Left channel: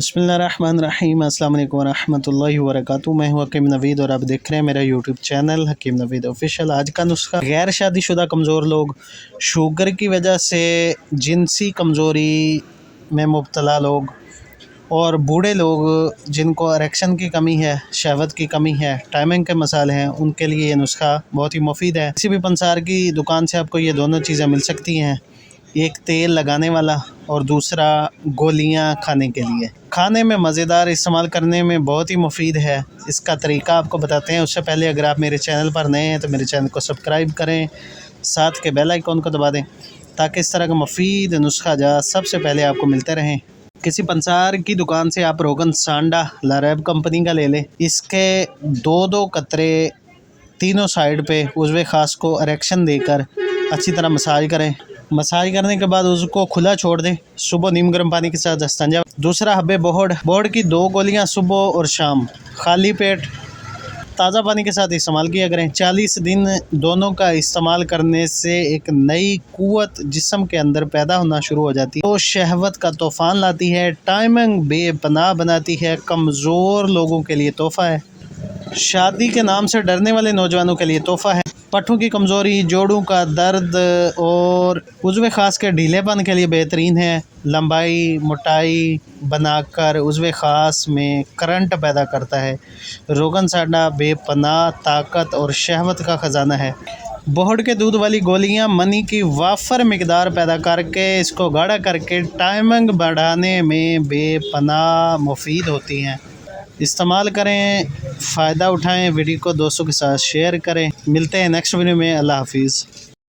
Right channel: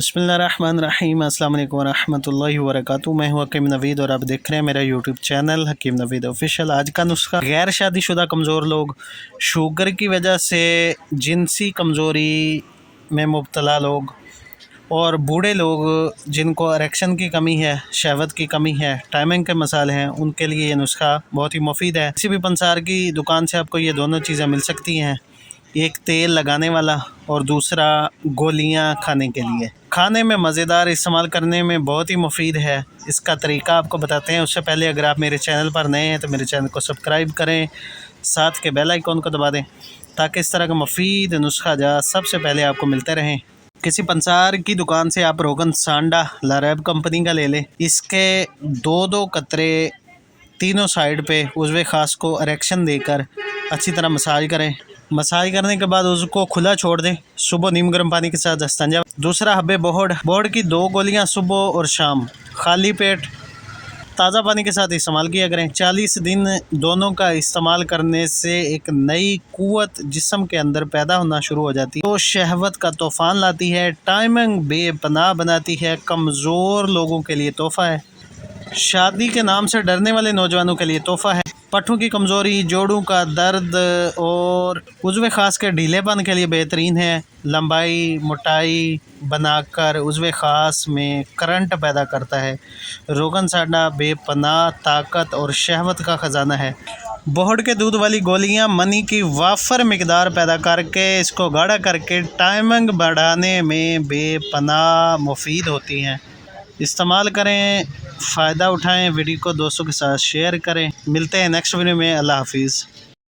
बिस्मिल्लाहिर्रहमानिर्रहीम। अस्सलाम वालेकुम वरहमतुल्लाहि वबरकातुहू। मैं हूँ हकीम नवीद और आप देख रहे हैं मेरा यूट्यूब चैनल हकीम नवीद ऑफिशियल। आज का नुस्खा, गैर शादीशुदा कमज़ोर लोग, शुगर की वजह से जिनसी कमज़ोरी में मुब्तला लोग और बूढ़े लोग जिनको इरेक्शन की कमी है, शहवत की कमी है, टाइमिंग के मसाले हैं, उनके लिए ये नुस्खा बहुत ही मुफीद है। किसी भी पंसार की दुकान से आपको ये दोनों चीज़ें मिल सकती हैं, एक तेल लगाने वाला और दूसरा गोलियां खाने के लिए। खाने में मज़ेदार, इस्तेमाल करने में बहुत ही मुफीद है। इसका तरीका आपको बताते हैं। उससे पहले अगर आप मेरे चैनल पर नए हैं तो मेरे चैनल को सब्सक्राइब करें, साथ के बेल आइकन को दबा दें ताकि इस तरह का मुफीद नुस्खा सबसे पहले आपको मिलते रहें। किसी पंसार की दुकान से आप रोगन सांडा लारैब कंपनी का ले लें। इसके दो कतरे तीनों साइड पे उज़वे ख़ास को इरेक्शन देकर अच्छी तरह मसाज करें। मसाज करने के बाद उसको खुला छोड़ दें। सुबह नीम गर्म पानी के साथ इस्तिंजा। दूसरा हब्बे बोहड़ की 2 गोलियां सुबह और शाम खाली पेट ताज़ा पानी के साथ इस्तेमाल किया करें। 40 दिन दोनों का इस्तेमाल करने से एक नई कुव्वत जिस्म के अंदर पैदा होना शुरू हो जाती है। तो शहवत का तूफ़ान लाती है, टाइमिंग बेपनाह बनाती है, कमज़ोर लोगों के लिए तोहफ़ा है, शादी के नाम से डरने वाले नौजवानों के लिए तोहफ़ा है, पट्ठों की कमज़ोरी, जोड़ों का दर्द और उज़वे ख़ास के ढीलेपन के लिए बेहतरीन है। लंबाई मोटाई बनाकर उज़वे ख़ास में करंट पैदा करता है। रोगन सांडा बेपनाह ताकत और शहवत का ख़जाना है। बोहड़ के दूध वाली गोलियां मनी की वाफर मिकदार पैदा करके इसको गाढ़ा करके टाइमिंग बढ़ाने में बेपनाह मुफीद होती हैं। इस्तेमाल करें, फ़ायदा उठाएं। वीडियो को दोस्तों के साथ शेयर करें। मिलते हैं नेक्स्ट वीडियो में। अल्लाह हाफिज़।